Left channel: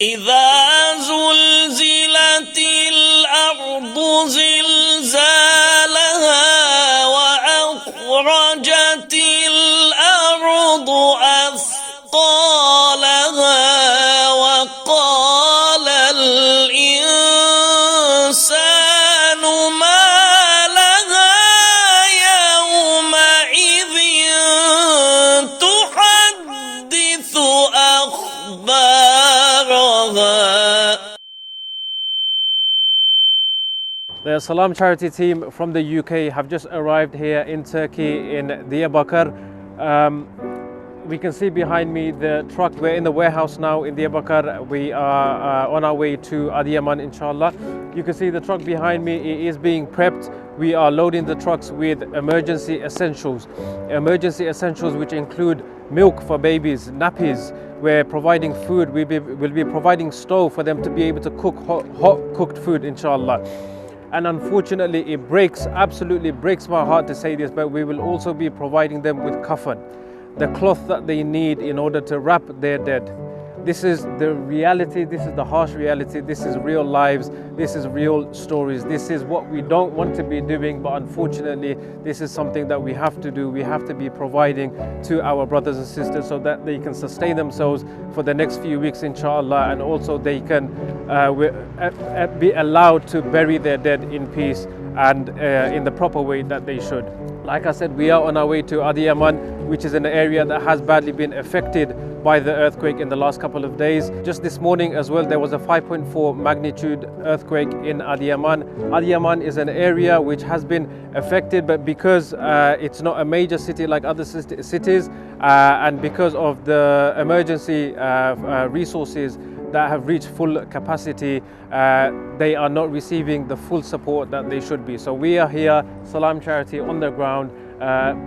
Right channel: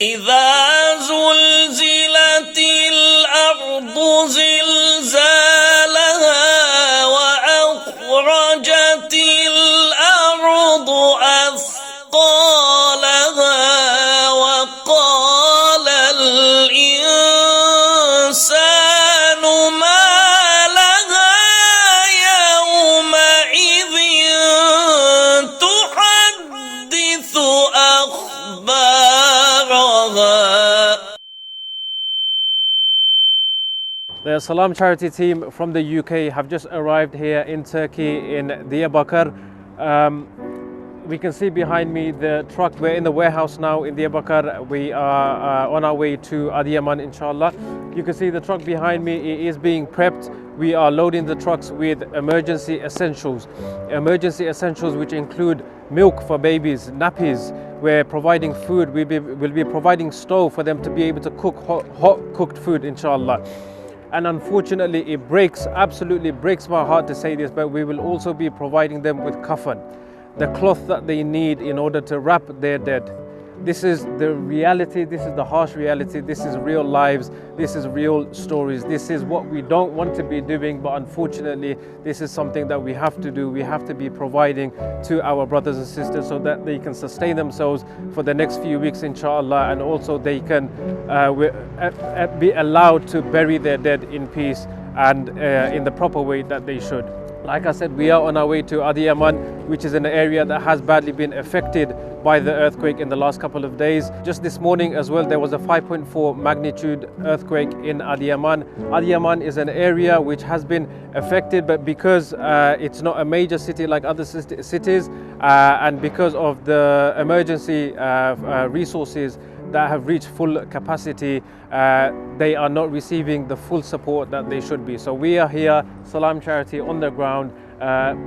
إذا زلزلت الأرض زلزالها وأخرجت الأرض أثقالها وقال الإنسان ما لها يومئذ تحدث أخبارها. The Salam charity team from the UK have just arrived here in Turkey in Diyarbakir. We can see behind me the truck. We're in the warehouse now in Diyarbakir. We are on our way to Adiyaman, inshallah. You can see the truck behind me. It is being prepped. We are loading the trucks with emergency essentials. Emergency essentials which include milk for babies, nappies. We're providing food. We'll be providing stove for them to be able to cook hot cooked food, inshallah. And unfortunately, it absolutely breaks my heart to say this, but we will also be providing them with kafan, the cloth that they need in order to wrap their dead. This is the reality, this is the harsh reality, this is real lives, this is real stories. This is what we don't want to be doing, but unfortunately, this is something that we have to do. We have to be providing to our brothers and sisters so that they can sustain themselves for the next few weeks, inshallah, and also they can be allowed to bury their dead in peace and in the proper way that they should. Like I said, we are on our way to Adiyaman, which is an area that has badly been affected by the earthquake in the last couple of days. Just this morning as well, there was a 5.4 magnitude earthquake in Adiyaman. Adiyaman is an area which has been affected, but because it's not a major city like other cities, and because of the emergency resources that have reached full capacity, they are not receiving the full support that they should be. So we are here, Salam Charity, on the ground,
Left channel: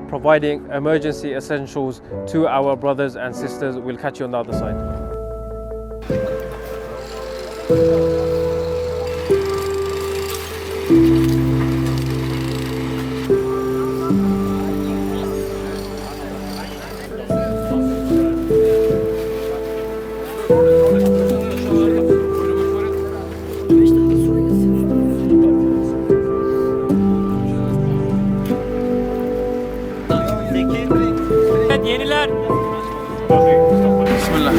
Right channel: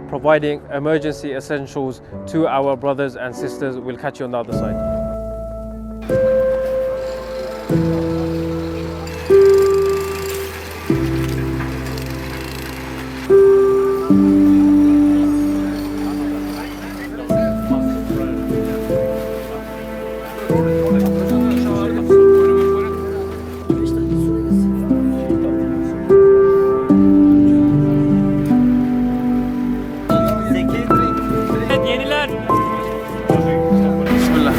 providing emergency essentials to our brothers and sisters. We'll catch you on the other side. Yeniler. Bismillah.